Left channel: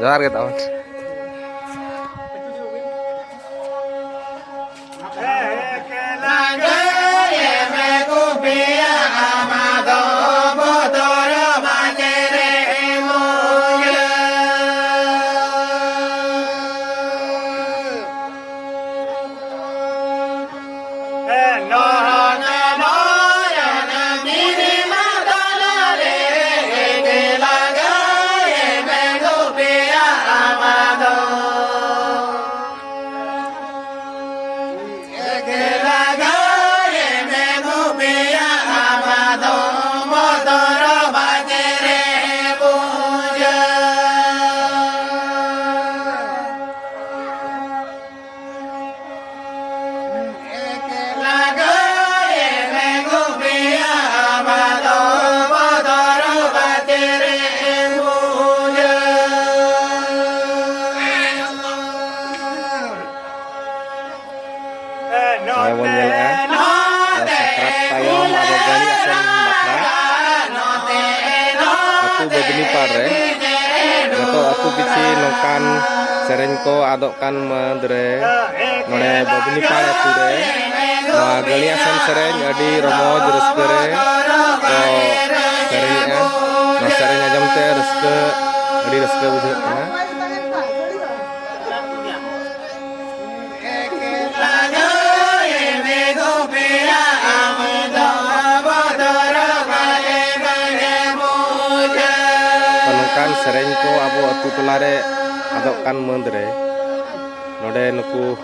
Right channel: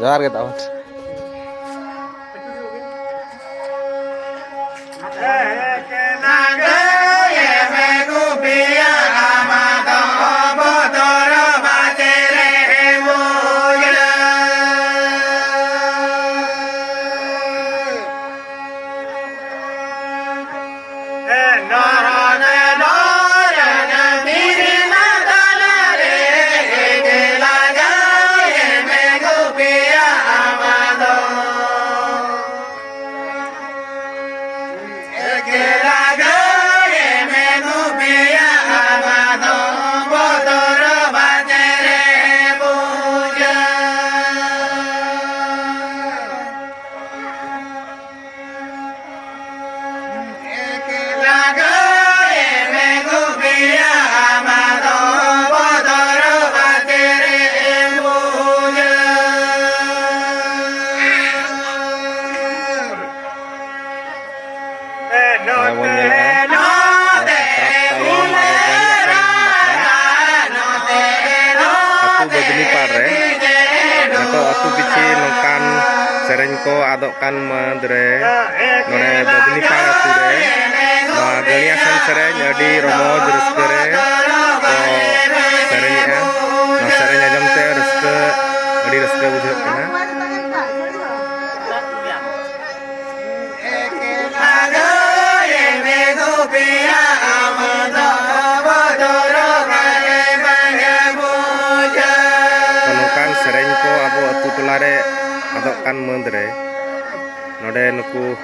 जोहार गे तावन Badunipaड़ re nato atu pichi nokan sereng ko adokan madre nore Badunipaड़ atu re noa galiasan sereng adi romoj raska re ko sereng a no sereng ajam te raska adi raska budhak kana sereng ko abo atu tolare adokan mandre node nuku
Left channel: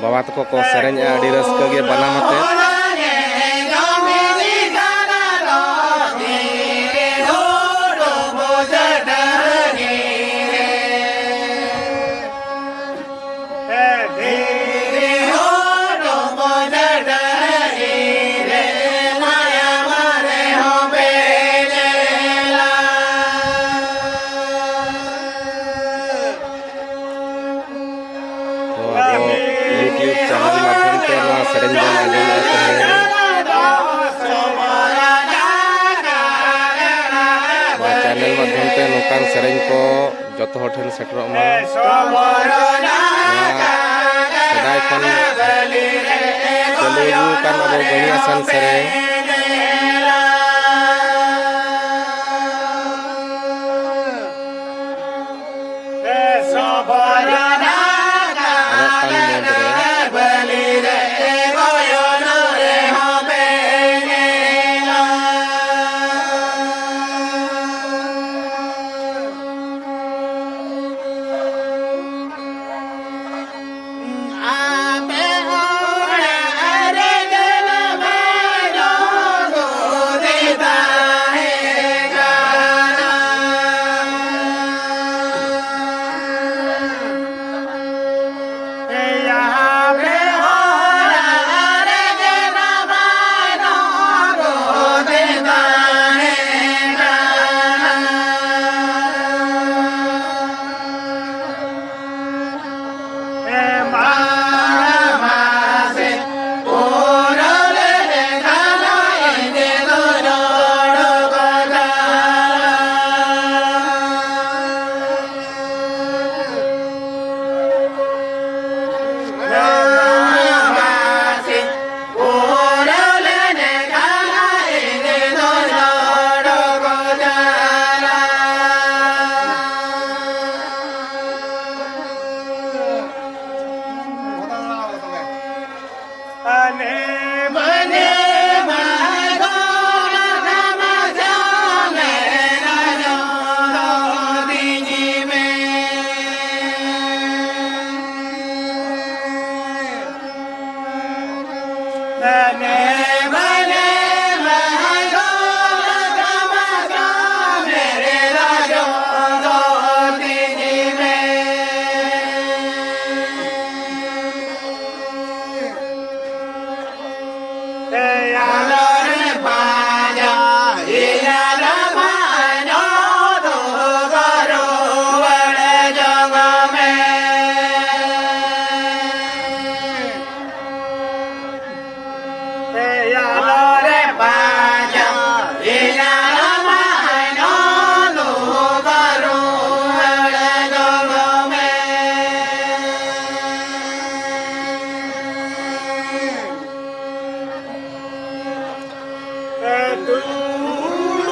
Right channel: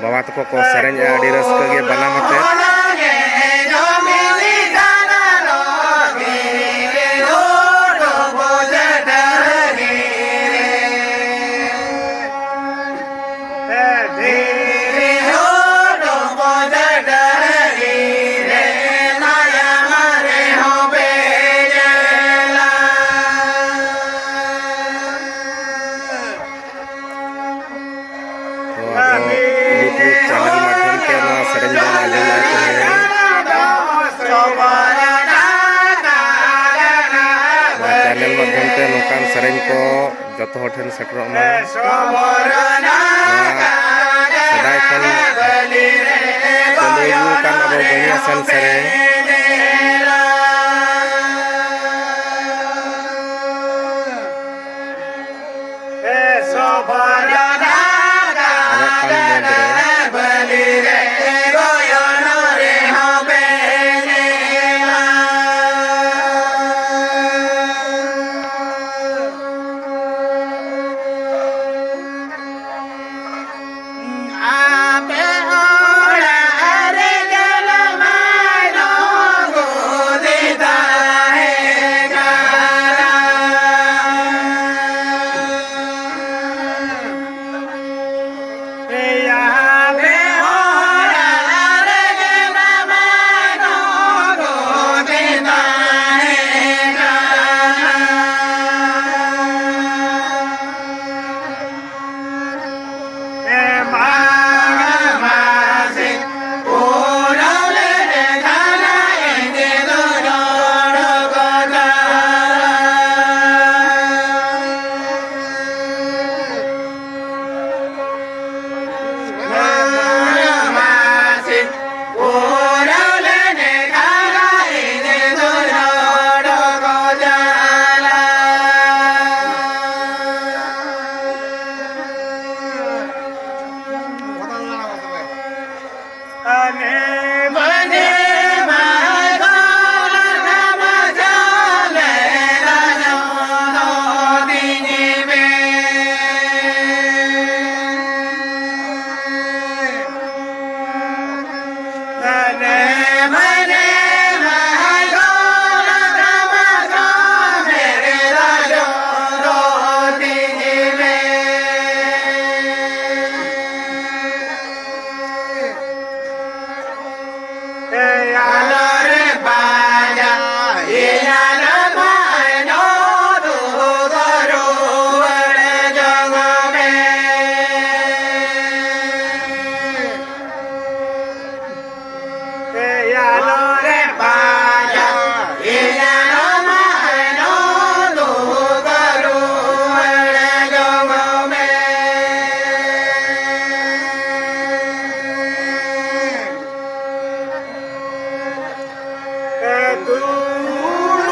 bawa toko ko sereng adi raska ge banam ate YouTube channel माध्यम से नवा sereng बन आजम आते हैं channel माध्यम से नौकान sereng को जतो हठन सेटरो मा सदाय खन चलु kan abo galiasan sereng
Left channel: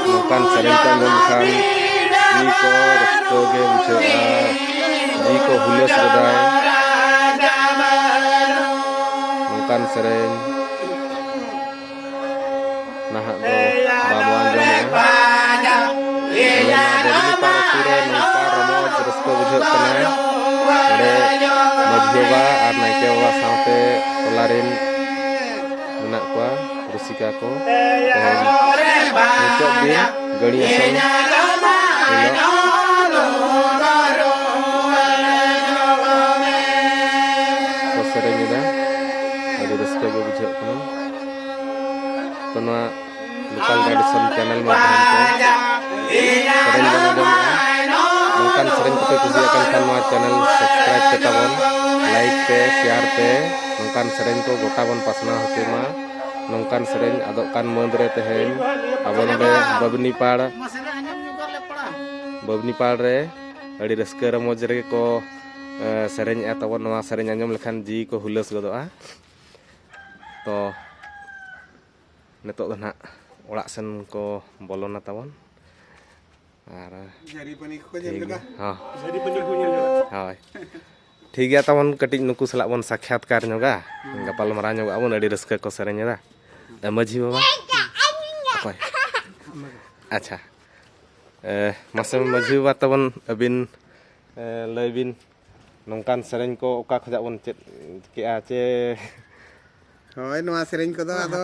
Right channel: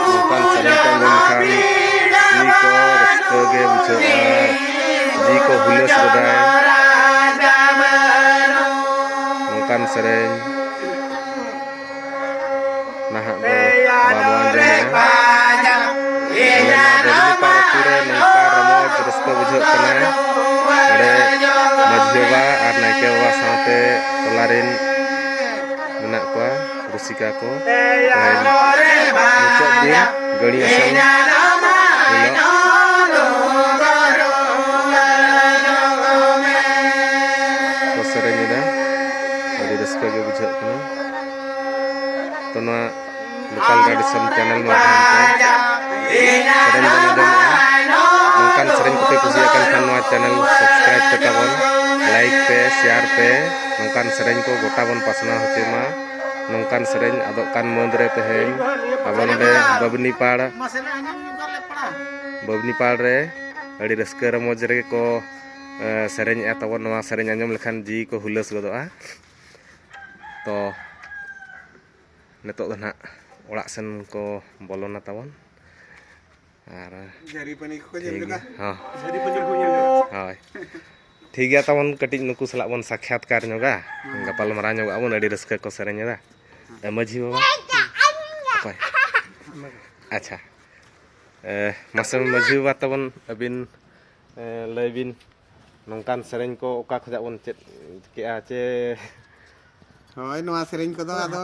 nongkan sering ko anjom lekhan ji ko raska ge bujha'a ji ko hulas godai nongkan sering nahak do babo anjom ya Babni Pal ture nongka romoj raska bujha'a kana ore majhi baba ar naike baba saute tolarin menak koa rusika ko muncak din gari asal ko sereng ida adi raska ge bujha'a kana to noa lokal tradition channel madhyam te sereng bana jom nongkan sereng kope kusiakan khan noa channel subscribe pe tabon like pe share pe nongkan sereng ko gota bon pasna hoche ma nongkan sereng adok kan mondre teheng abon de Babni Pal re adi raska ramoj re ko sereng e tabon noa sereng anjom lekhan ji ko hulas godoa to nitok do na orak sen ko bolona tabon ar jari pani ko jengga ha jari pani ko jengga hoy ठीक गया तबन कटिज नुकु सला बन साक्षात्कार नोगा गपाल मारा नोगा बन अडी Ruska को सेरेन दा मझी बाबा ओके अच्छा मासम मझी बाबा तबन अबिन लयबिन नोंकान सेरेन को ओका खजा बन चेत के आचे होय नोआ सेरेन को दो आदो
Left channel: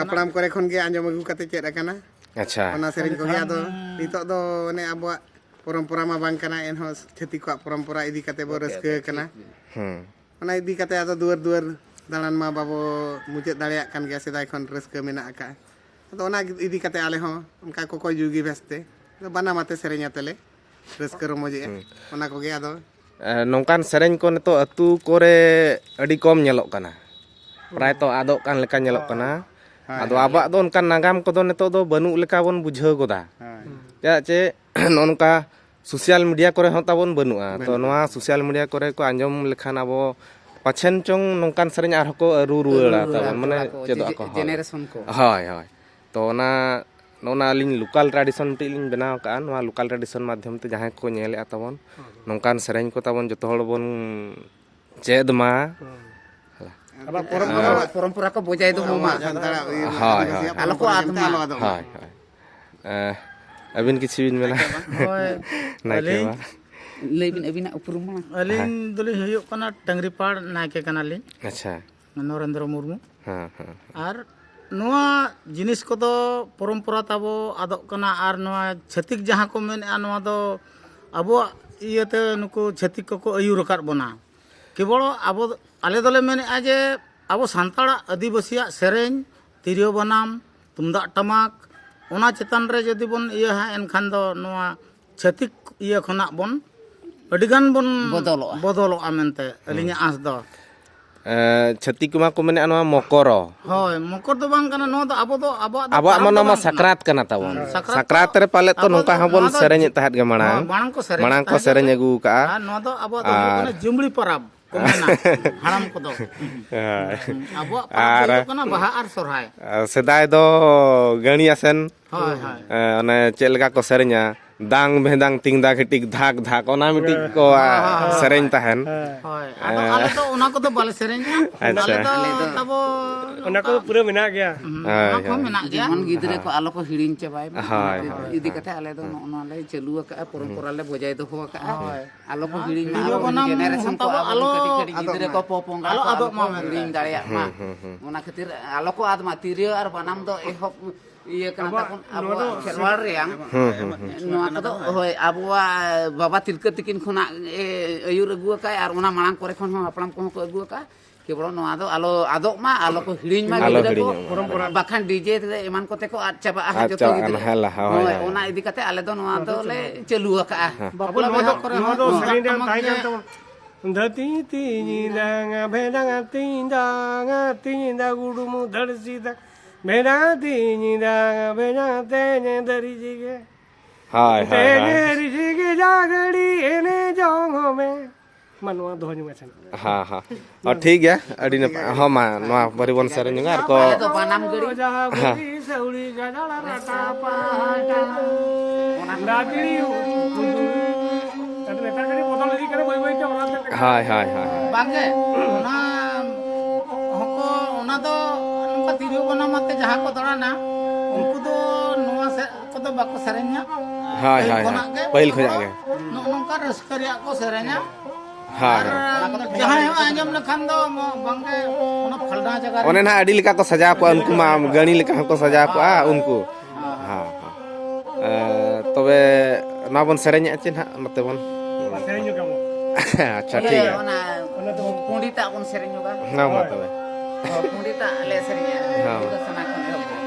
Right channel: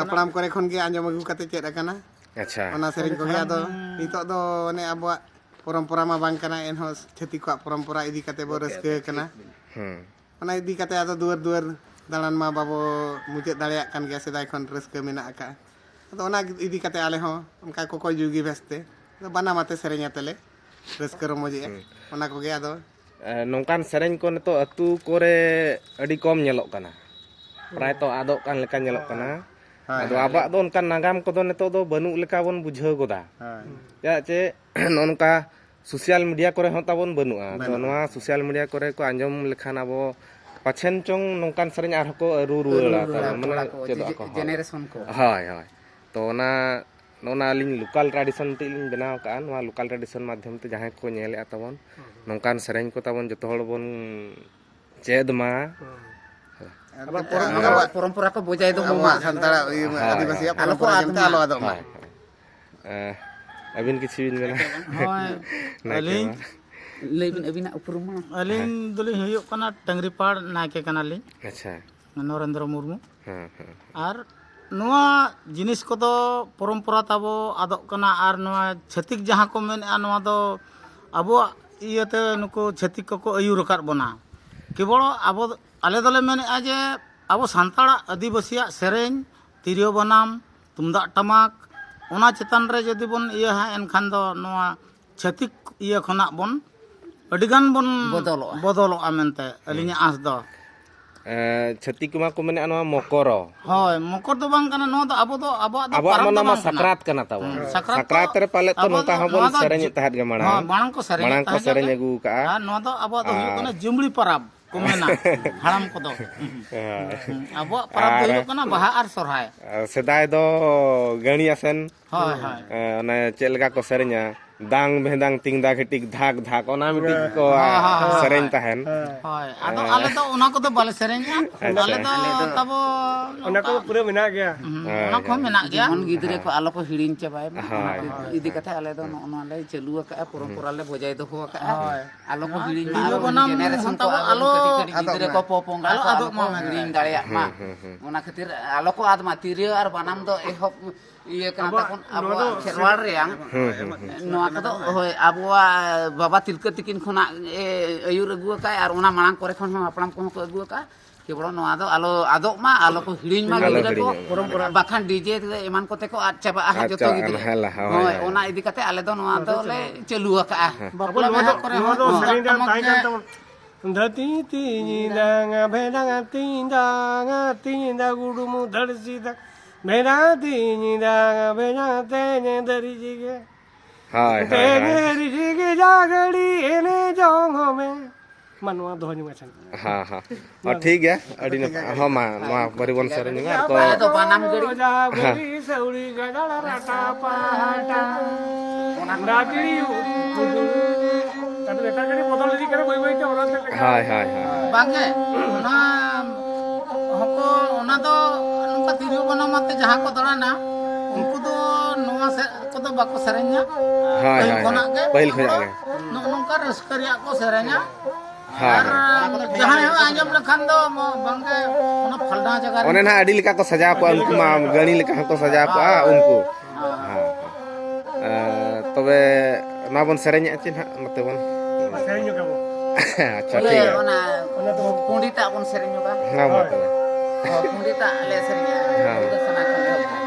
हापड़ाम करे खन गे आंजम अगु कते चेत आकाना अच्छा ओना सेरेन को गे आदो नितो दो ने आबो परम्परा मा बांग कना एनहो छेती को परम्परा इदी कते बो रस्के कना ओना इदी कते आदो दुआर दुआर दालान मा बाबो मुचाद दाड़िया कान गया सेदाय खन रस्के मेना आका तो ओना इदी कते आले हो उनका को कोई जुगी बेस्ते तो बना माते सेरेन आतले रस्के रमोजे ओना को गे आदो नोंकान सेरेन को नितो अतु कोरे अडी कम नेलोक कना प्राय तो आदो कान लेका नेलोक कना आदो आबा दो उनका नागाम को दो नितो दो बनु लेका बन बुझाव गोदा या चे नोनका सोशल मीडिया करे होता बन बनुआ तो नोआ सोशल मीडिया करे को आंजम लेखान आबो पाछन चोंग नोंकान सेरेन आर को रु रुला ता माने चेदो को जेनरेशन को हाय हाय तो ना नोना लिंग लोकल ट्रेडिशन ति लिंग बनाव का नोआ लोकल ट्रेडिशन माध्यम ते जहां को नेले ताबन नोंकान सेरेन को ताबन जतो हड़ बन चेद मा परम्परा को बजाय दो मा संतारा आलो को आदमी आलो आदो अबिन किछि बिन मेला होय अलिन लेबिन अबिना उपरुमा अलिन दुली हुयो कना टंगरीपाड़ नायके कना लिन अच्छा नरेंद्र मुर्मू हां हां आर नोआ जिनिस को दो परम्परा ताबो आदो कना आर नोआ छतिक जहां को मेन आ नोआ दो अबो इयते नुको छतिक को अयुर रकार बना केवल अबो आले दले मेन आ जे अबो सांताड़ा आदिवासिया सेरेन तिरियो बनाम तुमदा टमाक ओना चितान रे जदि बन इया हा एनखान दो नोआ छतिक इया खना बन अडिगान बन बदलो आमेनते अलिnya आस दो छतिक मा को मेने नोआ मकर होय मकर दो बांग कना नो दो आबो मनो मा सकरात कना ताबो सकरात रे पाले तो नोका हबन सेरेन तहत गे माणा माणा को सेरेन अगु का नो दो आबो दो कना जुमड़ी परब को मेना हाराम को दो आबो परब हो कना बाहा आर सोरहाय सेदाय दो गणिया सेन होय होय अने चेलगा को सेरेन्या दांग भेदांग तिंगदा घटिक धाक धाक ओना मिटिक को सेरेन तहन होय आदो आले तो ओना को तो बाले सेरेन्या आले तो तबो ओना को पूरा मेना गया ओना को मेना गया मन गिदरे को आलो को हिरिन चबाय इदी कथा आले दो ओना ले चलु का परंपरा ले बजाय दो हो का आलो को हिरिन मा जेनरेशन को आलो कटी गिदरे को पोपोंगा को आलो मा हिरिन दाड़िया मा ओना खातिर आलो को आदमा तिरियो आर बनाम दो एहब इये कना तखन आबो खेलवाड़ रेयां नोआ कदो होय आबो बाबा तिलका तिकिन खना अयुर अगु का आर ओना मांग करे खन अपनाम को अगु का केवल नोआ दो आलो आदो मा आलो को हिडिन मा गिदरे को बाखान डीजे एमान कोते को आ चाबा आ जतो गिदरे होय ओना इदी कते आले दो नोआ दो ले चलु का बाबला बेहा करे हो दो सरी ताई जतो धती तीनी दांगा भेदांगा तींदा गुडुमु धड़सीदा मेरा तीनी दांगा भेदांगा तेने दरी जिगे हाय तेने रिजिगे जागड़ी एने जोंग में मा नवा दोहो ᱧᱩᱢ ᱟᱪᱷᱟᱱ हाँ हाँ और ठीक है अड़ी हाँ मा नवा परिबन सेरेंज आर को ᱟᱞᱮ ᱫᱚ ᱵᱟᱱᱟᱢ ᱜᱟᱹᱲᱤ गोरी सौड़ी गजल राटा पाटा नागड़ी कुदुल ताते बेटा गड़ी बदल दी करे बई बई ते ओरा ते हाय हाय हाय ᱵᱟᱝᱜᱮ ᱚᱱᱟ ᱦᱚᱸᱠᱚ ᱚᱱᱟ ᱫᱚ ᱱᱚᱝᱠᱟ ᱛᱤᱨᱭᱳ ᱵᱟᱱᱟᱢ ᱟᱛᱮ ᱡᱟᱦᱟᱸ ᱠᱚ ᱫᱟᱬᱟᱱᱟ ᱩᱱᱠᱩ ᱫᱚ ᱱᱚᱣᱟ ᱠᱚᱫᱚ ᱵᱟᱠᱚ ᱥᱮᱨᱮᱧᱟ हाय हाय ᱠᱷᱚᱱᱟᱜ ᱜᱮ पहिल खया गे ᱱᱚᱝᱠᱟ ᱨᱟᱹᱥᱠᱟᱹ ᱨᱮᱭᱟᱜ ᱠᱚ ᱥᱮᱨᱮᱧᱟ हाँ ᱟᱨ ᱡᱟᱦᱟᱸᱭ ᱦᱚᱸ ᱟᱸᱡᱚᱢ ᱞᱮᱠᱷᱟन ᱫᱚ ᱵᱟᱝᱜᱮ ᱚᱱᱟ ᱯᱷᱟᱞᱰᱟ ᱡᱟᱭᱜᱟ ᱨᱮ ओने ना अड़ी लेका को सजा को उनको मा गणी लेका को सजा को उनको हाँ तबे मा बन सेरेंज आछे ना नते बन सेरेñ ᱧᱚᱜ ᱜᱟᱢᱚ अच्छा ठीक है ᱚᱱᱟ ᱯᱩᱸᱰᱤᱴᱟᱜ ᱵᱚᱱ ᱥᱮᱨᱮᱧ ᱧᱚᱜᱟ हाँ मा तबे ᱯᱩᱸᱰᱤᱴᱟᱜ ᱞᱮ ᱥᱮᱨᱮᱧᱟ ᱦᱮᱸ ᱯᱩᱨᱟᱹ ᱥᱟᱱᱟ ᱠᱷᱚᱱ ᱮᱦᱚᱵ ᱫᱚ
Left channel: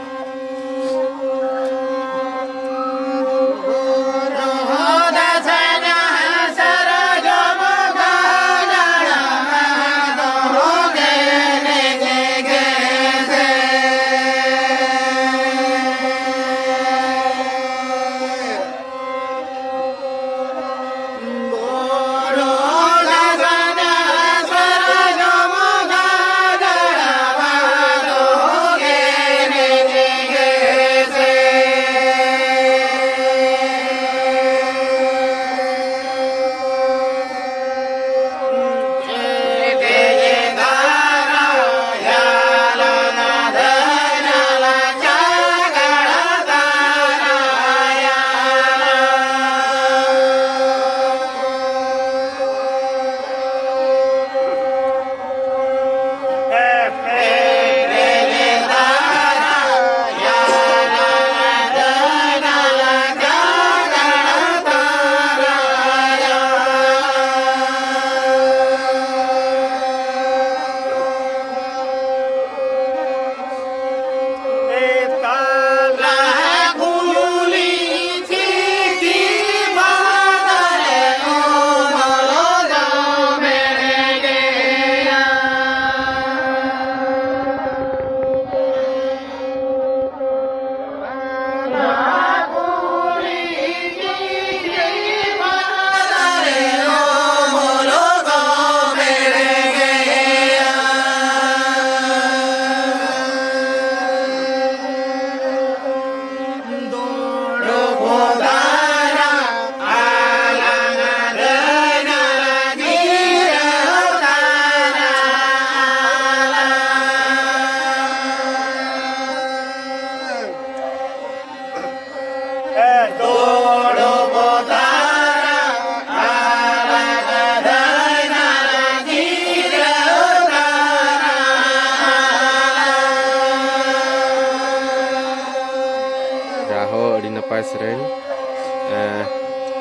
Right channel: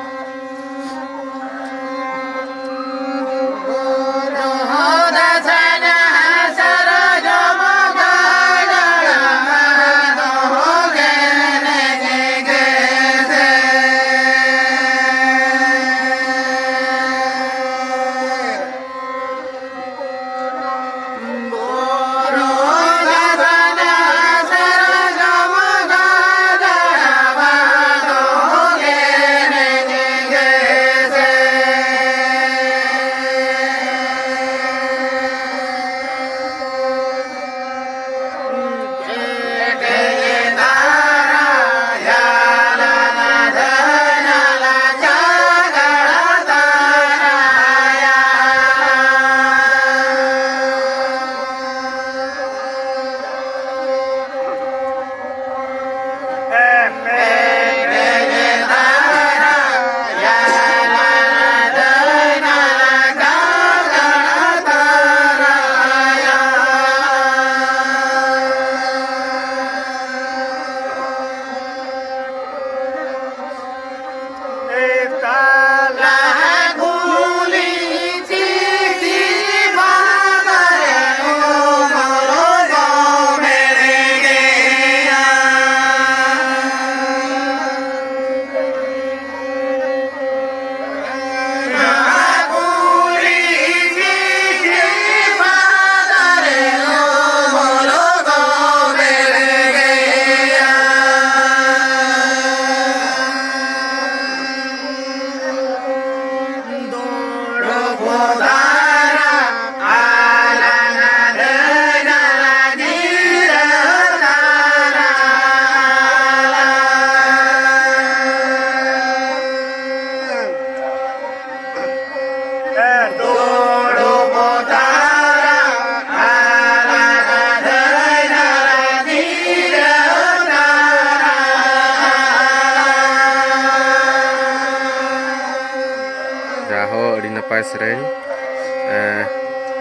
जाहो अड़ी नपाय सेरेंज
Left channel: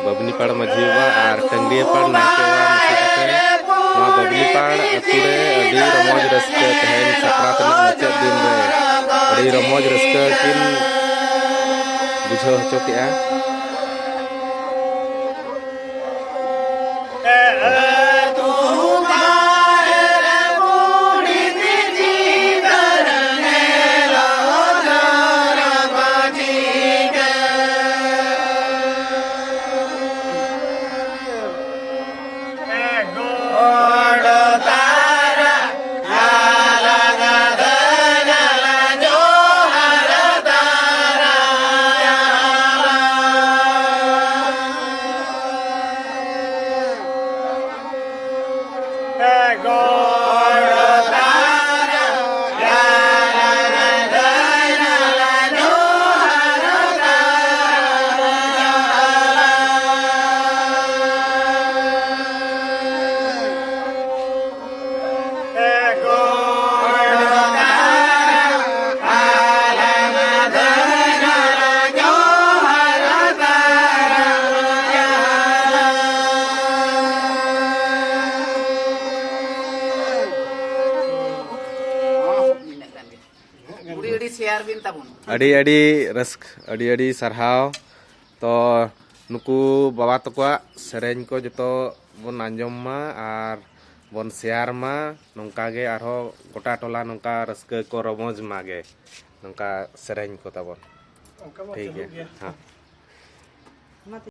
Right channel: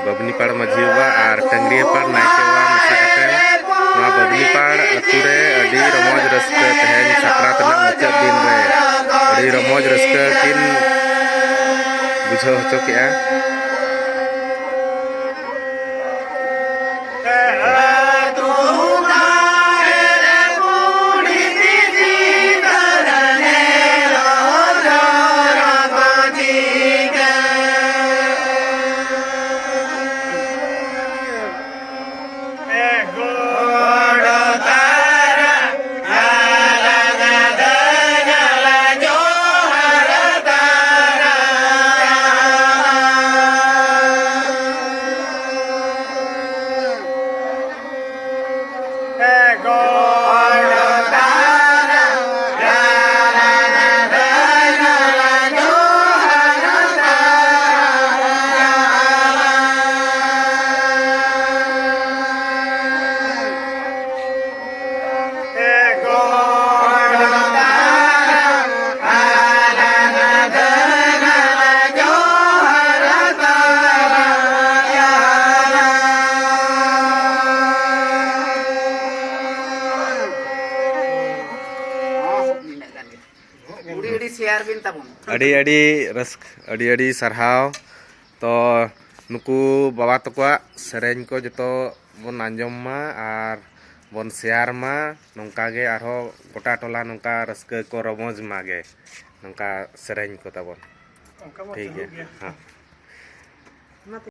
बबनी पाड़ माझी बा और टंगरिया पाड़ नायके बा मेसा कते नवा बबनी पाड़ अतु रे अड़ी रमोज रस्का तहेन सकरात ना मुचाद दिन रे अड़ी रमोज रस्का किन बुझाव हचो केआ शेयर बिन ताबुन अड़ी अड़ी रस्क अड़ी अड़ी सरहाव तो नुकु बाबा तको सेरेंज को जतो बन आंजम मा आर बन शेयर मा नोंका गे आरो गोटा टोला नोंका रस्क को रमोज मागे नोंका सेरेंज को ताबन ठीक है हाँ